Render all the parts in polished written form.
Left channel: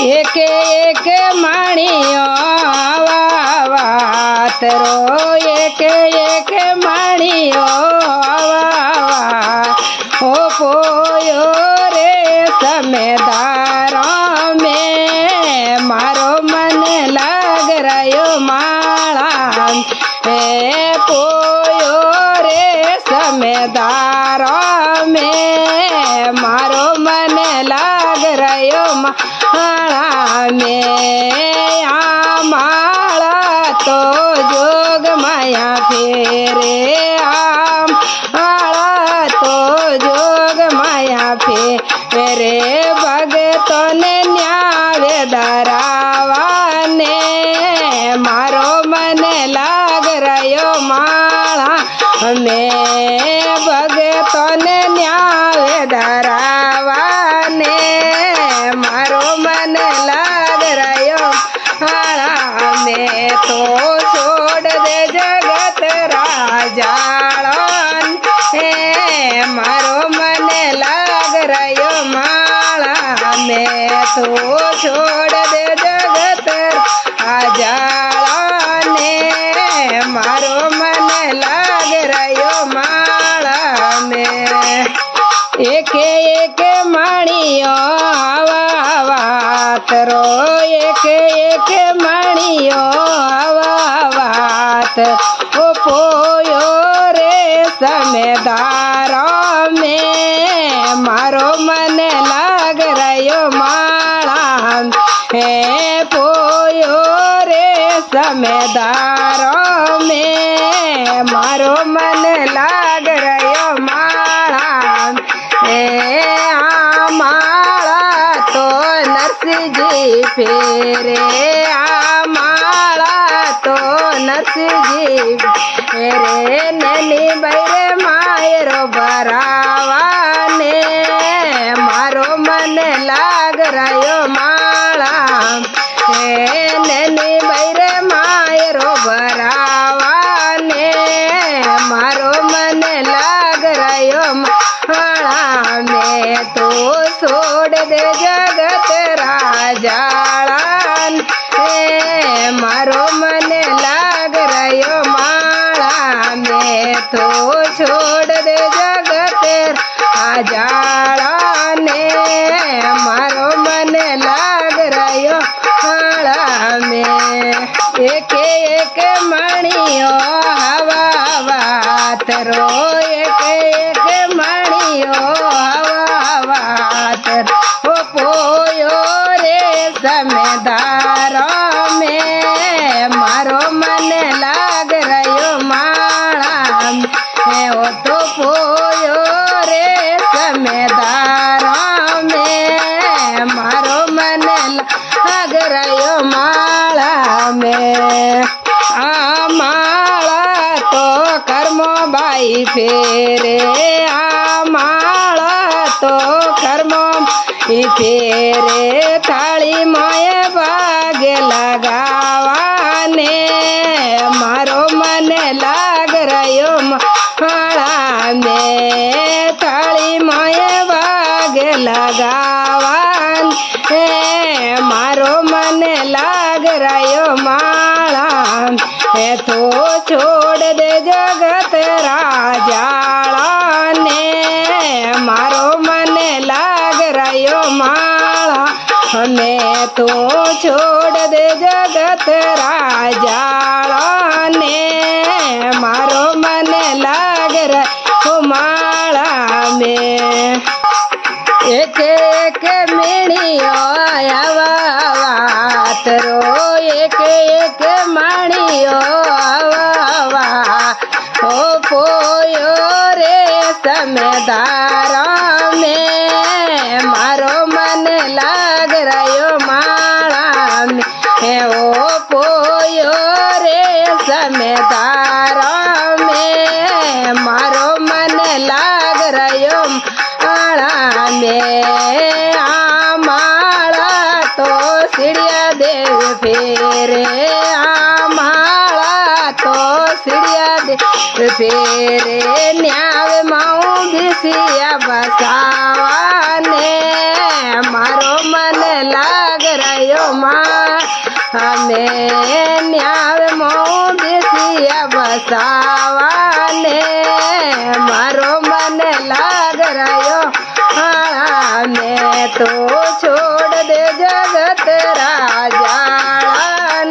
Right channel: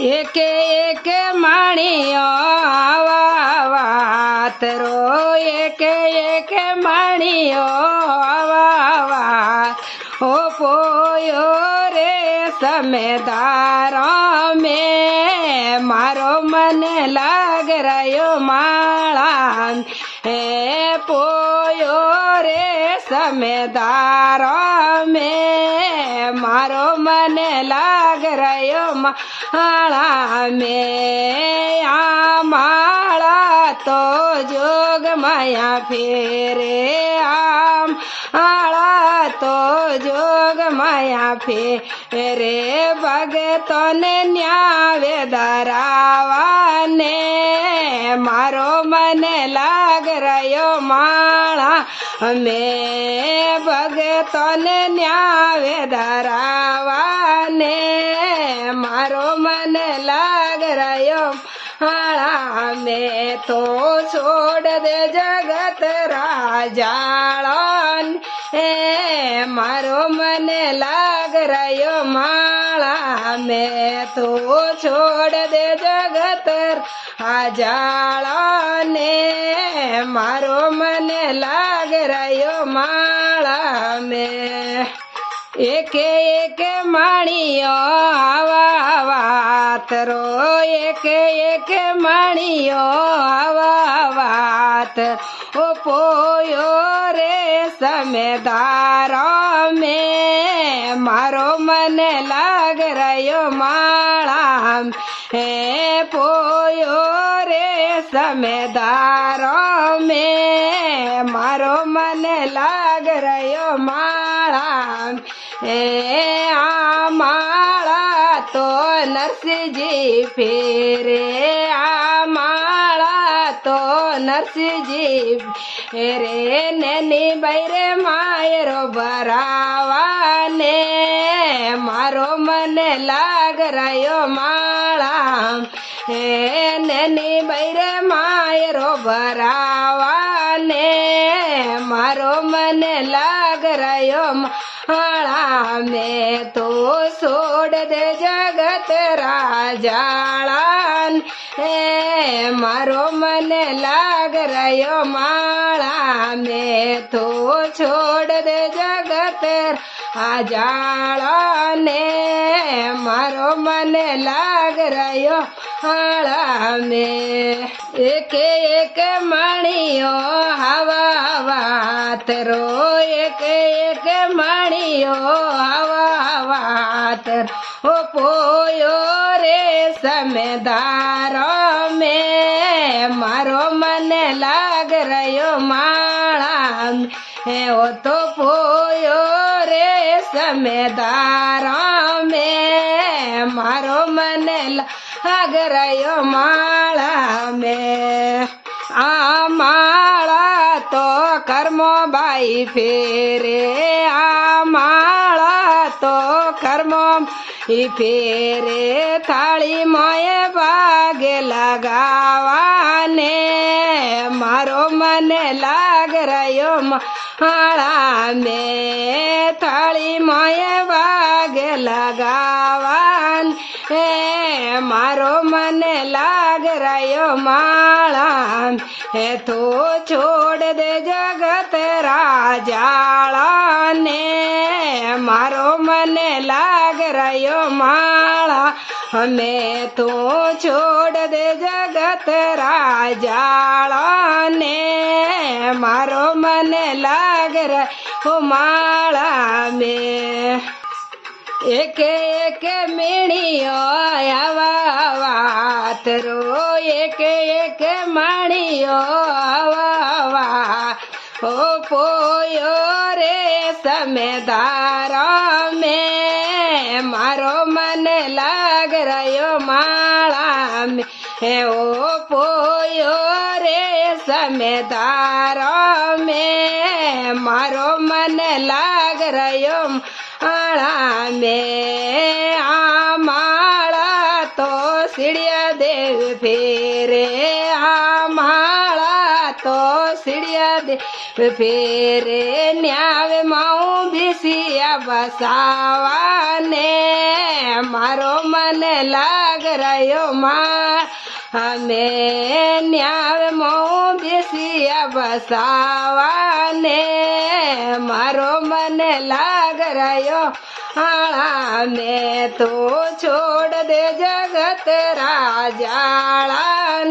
एक एक माणियो वात रो एक एक माणियो ओ पोयो रे समेदारों में मारो मन लाग रयो माला हे पोयो रे समेदारों में मारो मन लाग रयो माला में आ माला तो जोग माया फेरे आम माला तो जोग माया फेरे भगतों ने न्याय दरावाने मारो मन लाग रयो माला में भगतों ने न्याय दरावाने मारो मन लाग रयो माला में तो छोड़ दे जगत राजाड़न हे मारो मन लाग रयो माला में तो छोड़ दे जगत राजाड़न हे मारो मन लाग रयो माला में एक एक माणियो वात रो एक एक माणियो वात ओ पोयो रे समेदारों में मारो मन लाग रयो माला हे पोयो रे समेदारों में मारो मन लाग रयो माला आ माला तो नरसिंह जी फेरे आ माला तो नरसिंह जी फेरे नैनी बैरे मायरो बरावाने मारो मन लाग रयो माला हे नैनी बैरे मायरो बरावाने मारो मन लाग रयो माला में तो छोड़ दे जगत राजाड़न हे मारो मन लाग रयो माला में तो छोड़ दे जगत राजाड़न हे मारो मन लाग रयो माला में एक एक मणियो हवा वात रो एक एक मणियो हवा वात ओ पोयो रे समेदारों में मारो मन लाग रयो माला में ओ तो पोयो रे समेदारों में मारो मन लाग रयो माला में आ माला तो कर्मो बाई फेरे आ माला तो कर्मो फेरे थाली माए बाग लगावाने मारो मन लाग रयो माला में थाली माए बाग लगावान हे मारो मन लाग रयो माला हे तो छोड़ दे जगत राजाड़ा ने मारो मन लाग रयो माला मैं तो छोड़ दे जगत राजाड़ा ने मारो मन लाग रयो माला में एक एक मेणियो आवा वात रो एक एक माणियो आवा हो पोयो रे समेदारा में मारो मन लाग रयो माला में ओ पोयो रे समेदारा में मारो मन लाग रयो माला में आ माला तो सीढ़िया देव फेरे आ माला तो सीढ़िया देव फेरे न्याव माऊ बिसिया बसावा ने मारो मन लाग રહ્યો માં અમે ન્યાવે મોં બેસિયા બસાવાને મારો મને લાગ રહ્યો મેં તો છોડ દે જગત રાજાળાન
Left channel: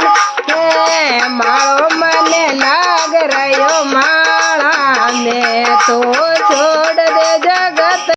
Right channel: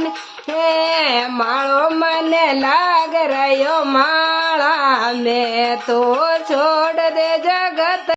મારો મને લાગ રહ્યો માળા મેં તો છોડ દે જગત